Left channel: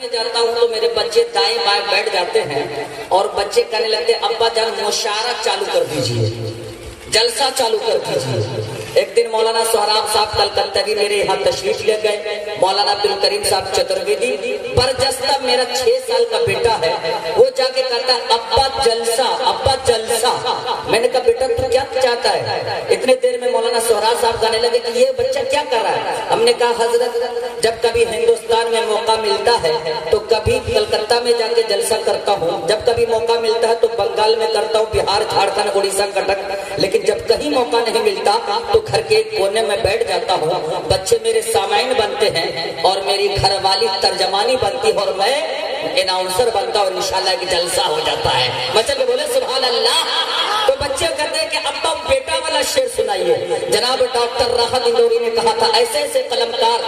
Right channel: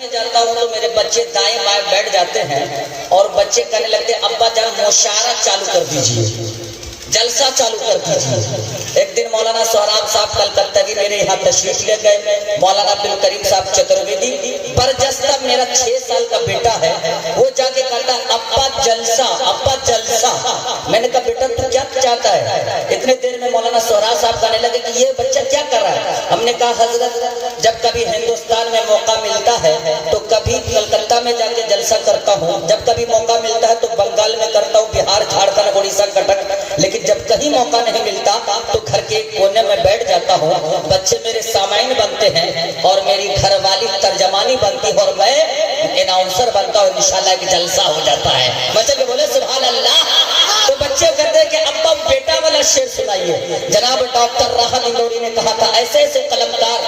میں جاتا ہوں تو میرے بچے دائیں بائیں بیٹھ جاتے ہیں اور بچے کہنے لگتے ہیں ابا جان مشاعرہ چالو کر دیجئے، جلسہ چالو کر دیجئے۔ ایک دن مولانا سہراب صاحب کلکتہ میرے یہاں تشریف لے گئے، مولانا عبد الکریم صاحب چترویدی، برجستہ میرا 6 سال کا بیٹا ہے، وہ جا کے کہتا ابا جلسہ، ابا جلسہ۔ میں نے کہا بیٹا تو کیا چاہتا ہے؟ اتنے دیر میں مولانا سہراب صاحب کہنے لگے کہ یہ بچہ کیا کر رہا ہے؟ ہم نے کہا حضرت جب کبھی ہندوستان میں موقع ملتا ہے تو کبھی کلکتہ میں جا کے جلسہ کرتا ہوں، جب کبھی موقع ملتا ہے تو بنگال میں کرتا ہوں، بہار جھارکھنڈ اڑیسہ کٹک، لیکن جب کہیں موقع نہیں ملتا تو گھر کے ایک کونے میں بیٹھ جاتا ہوں، بچے میرے سامعین بنتے ہیں اور میری گھر والی ترجمانی بنتی ہے اور میں اناؤنسر بنتا ہوں، انشاءاللہ ایک جلسہ ہو جاتا ہے۔ بچے کو بولے سبحان اللہ۔ تو بچے کہتے ہیں کہ ابا بیٹا والا شعر سنائیے۔ جناب ڈاکٹر راحت اندوری نے کہا تھا ایسے ایسے قلمکار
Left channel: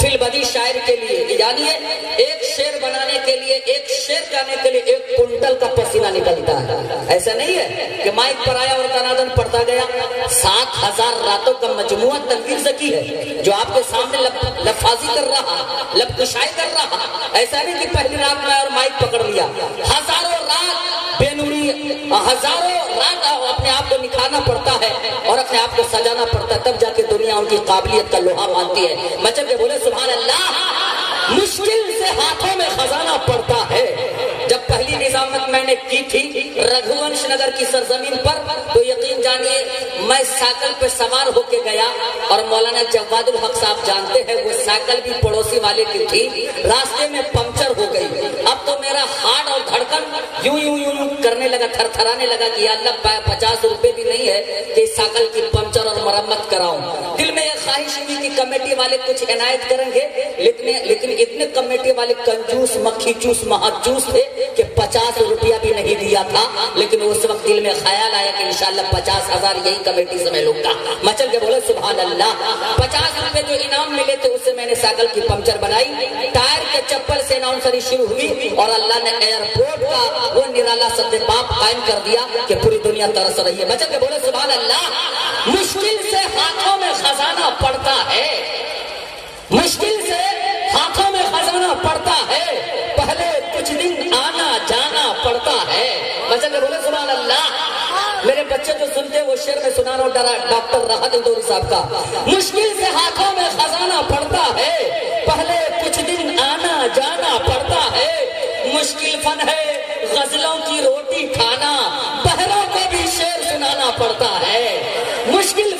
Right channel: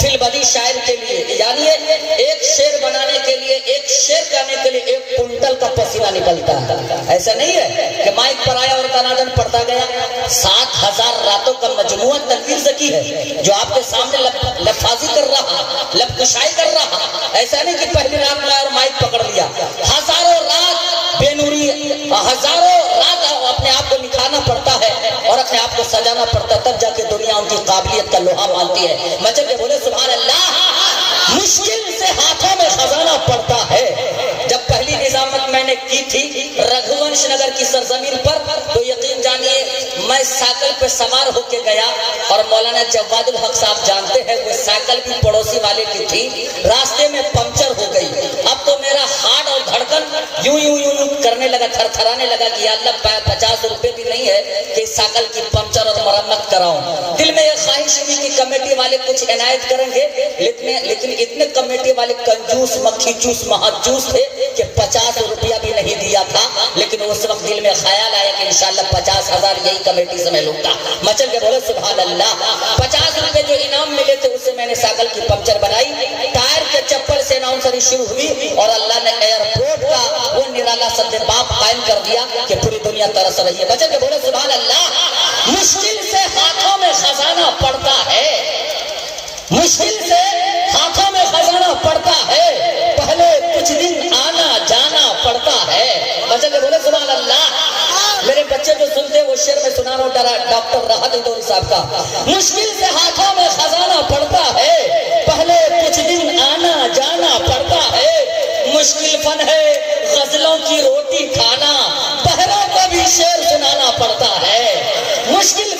فی البدی شاعر کے لیے، یعنی ایک شعر بنانے کے لیے، ایک شعر کرنے کے لیے 1 کنٹل کا پسینہ نکلتا ہے۔ ایسا نہیں ہے کہ مائک پر آیا اور تنادن پڑھتا گیا۔ 7000 راتوں کا مجموعہ تنویر زکی ہے جو آپ کے سامنے لفاظی کر رہا، لب کشائی کر رہا۔ ایسا نہیں کہ پہلی رات میں اور مائک پکڑ لیا، ہزاروں رات بے نوری، ہزاروں رات اپنے آپ کو نکھارنا پڑتا ہے اور اپنے آپ کو سجانا پڑتا ہے، تب جا کے دنیا ان کی قابلیت کا لوہا مانتی ہے۔ مچل کے بولے سبحان اللہ۔ مشکل سے ہاتھوں میں خزانہ پڑتا ہے۔ جب پہلی نظامت میں نے کی تھی رگھوونش نگر کی سرزمین پر تو یقین جانیے میں سائیکل پہ سوار ہو کے گیا اور مولانا جواد الحق صاحب جانتے ہیں وہ سائیکل بھی پڑوسی والے کی تھی، راستے میں پنکچر ہو گئی۔ اب تو میرا ہارٹ اور دھڑکن یوں یوں یوں کرنے لگا، تھر تھرانے لگا کہ یا اللہ 50 روپے بھی نہیں ہے کہ اس سائیکل کی پنکچر اور مرمت کراؤں۔ دل میں یہ خواہش ہوئی کہ کمیٹی والے کچھ عنایت کریں گے، لیکن اتنے کمیٹی والے کنجوس مکھی چوس مہاجوس تھے کہ 50 روپیہ بھی نہیں دیا تھا، لیکن اس وقت دل میں خیال آیا کہ انشاءاللہ 50,000 یہی کمیٹی سے میں لوں گا۔ مچل کے بولے سبحان اللہ۔ 50 روپے جو انعام ملے تھے اس سے میں نے سائیکل کی پنکچر بنائی، ٹائر کے چپل سے اناؤنسری شروع ہوئی اور اللہ نے ایئرپورٹ کا وہ نرالا سد باب قائم کر دیا کہ پوری دنیا ترس رہی ہے۔ مچل کے بولے سبحان اللہ۔ مشکل سے ہاتھوں میں خزانہ پڑتا ہے، مشکل سے ہاتھوں میں خزانہ پڑتا ہے، پہلے کچھ دن آنا جانا پڑتا ہے۔ بچہ کے بولے سبحان اللہ۔ میرے بچے جو سنتے وہ شعر میں سنا رہا ہوں ڈاکٹر راحت اندوری صاحب کا۔ مشکل سے ہاتھوں میں خزانہ پڑتا ہے، پہلے کچھ دن آنا جانا پڑتا ہے، مشکل فن ہے غزلوں کی روٹی کھانا، بہروں کو بھی شعر سنانا پڑتا ہے۔ مشکل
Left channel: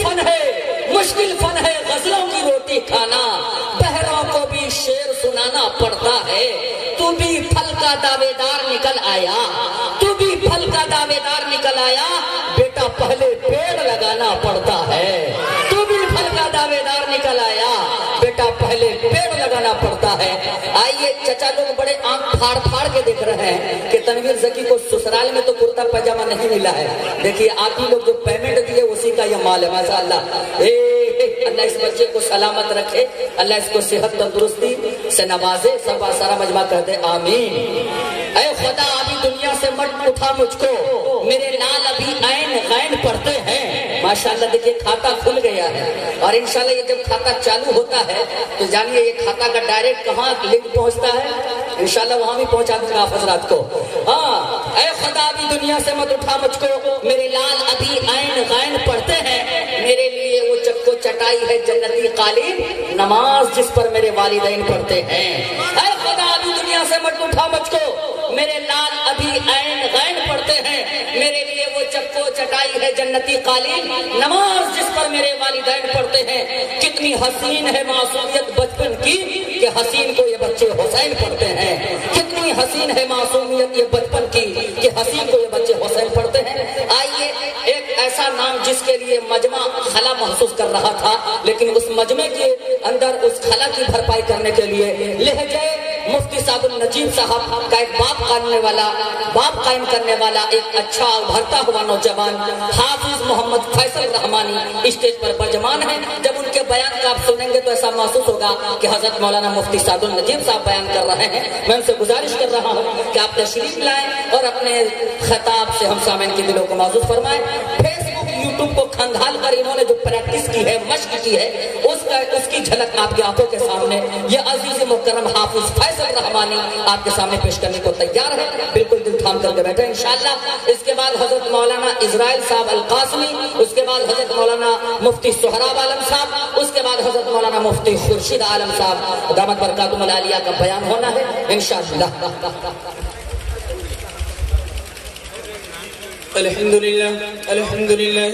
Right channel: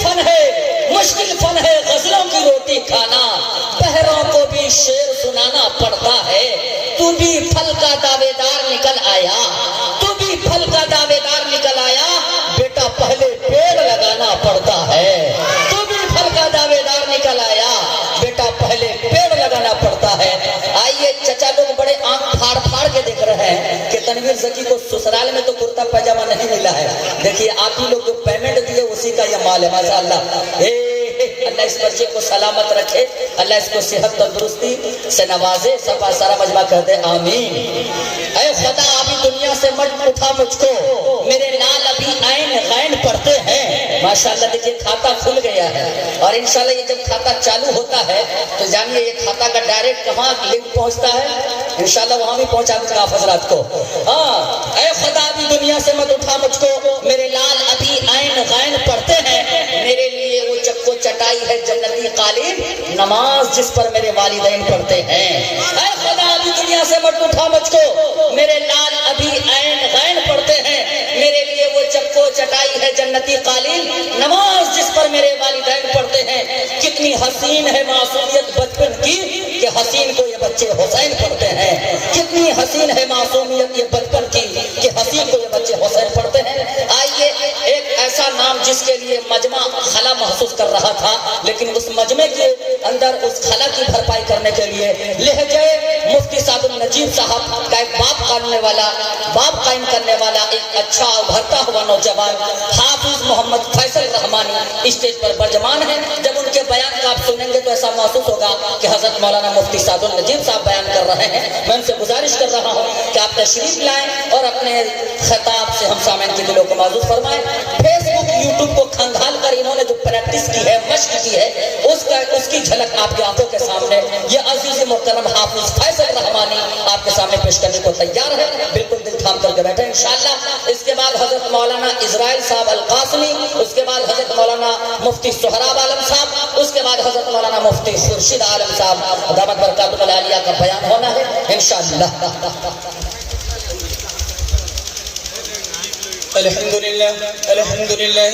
فن ہے غزلوں کی روٹی کھانا، بہروں کو بھی شعر سنانا پڑتا ہے۔ تو بھی پھل کا دعوے دار نکل آیا، تو بھی پھل کا دعوے دار نکل آیا، بیٹا پہلے پیڑ لگانا پڑتا ہے۔ تو بھی پھل کا دعوے دار نکل آیا، بیٹا پہلے پیڑ لگانا پڑتا ہے۔ آئیے چچا لوگ بڑے آنکھ پھاڑ پھاڑ کے دیکھ رہے ہیں کہ تنویر زکی کو سسرال میں تو کرتا پاجامہ نہیں ملا ہے، دیکھیے آپ ہی لوگ جو پیمنٹ دیے اسی کا یہ مال ہے ماشاءاللہ۔ اللہ اس بچے کو سلامت رکھے، اللہ اس کو صحت تندرستی سے نوازے، سب سارا مجمع کر دے آمین۔ اے خدا ابھی دنیا سے مت اٹھا مجھ کو، میرے لال ابھی عین غین پڑھتے ہیں۔ ماشاءاللہ دیکھیے کھاتا کھل گیا ہے اور انشاءاللہ یہ جب کھاتا چالو ہوتا ہے تو جانیے یہ کھاتا کا ڈائریکٹ کہاں لنک پہنچتا ہے، انشاءاللہ وہاں بھی پہنچا دوں گا آپ حضرات کو۔ ہاں اے خدا ابھی دنیا سے مت اٹھا مجھ کو، میرے لال ابھی عین غین پڑھتے ہیں، میرے لیے وہ چکو چٹائی ہے جنتی قالین، نماز جس پر میرے والدین پڑھتے ہیں۔ اے خدا ابھی دنیا سے مت اٹھا مجھ کو، میرے لال ابھی عین غین پڑھتے ہیں، میرے لیے وہ چکو چٹائی ہے جنتی قالین، نماز جس پر میرے والدین پڑھتے ہیں۔ کتنی حسین ہے معصومیت بچپن کی کہ حسین کو یہ بچے حسین پڑھتے ہیں، کتنی حسین ہے معصومیت یہ بچپن کی کہ حسین کو یہ بچے حسین پڑھتے ہیں۔ آئیے ایک ایسا نام جس کے لیے مجمع خلا محسوس کر رہا تھا، لیکن اس مجمع کے اندر اس خلا کی بھرپائی کرنے کے لیے لہجے مفتی صاحب النجیب صاحب کا ایک باب قائم کرنے والا ایک اچھا ابھرتا ہوا نوجوان حافظ محمد فیصل رحمانی اسٹیج پر برجمان ہے۔ جب ان کے بیان کا آپ سنیں گے تو ایسا محسوس ہوگا کہ حضرت مولانا مفتی صاحب النجیب صاحب بیان کر رہے ہیں۔ میں ان سے گزارش کر رہا ہوں کہ آپ تشریف لائیں اور اپنے خطاب سے ہم سامعین کے دلوں کو معزز فرمائیں۔ فیس بک یوٹیوب کو کھنگال کر انہوں نے جو پریکٹس کی ہے، مشق کی ہے، اس کی جھلک آپ کی آنکھوں کے سامنے یہ عزیز محترم حافظ فیصل رحمانی آپ کے سامنے پیش کرنے کو تیار ہے. بالکل دل تھام کر کے بیٹھے انشاءاللہ. اس کے بعد حضرت مولانا اسرائیل صاحب القاسمی، اس کے بعد حضرت مولانا مفتی سہراب عالم صاحب، اس کے بعد حضرت مولانا مفتی خورشید عالم صاحب دامت برکاتہم العالیہ کا بیان ہونا ہے انشاءاللہ. الحمدللہ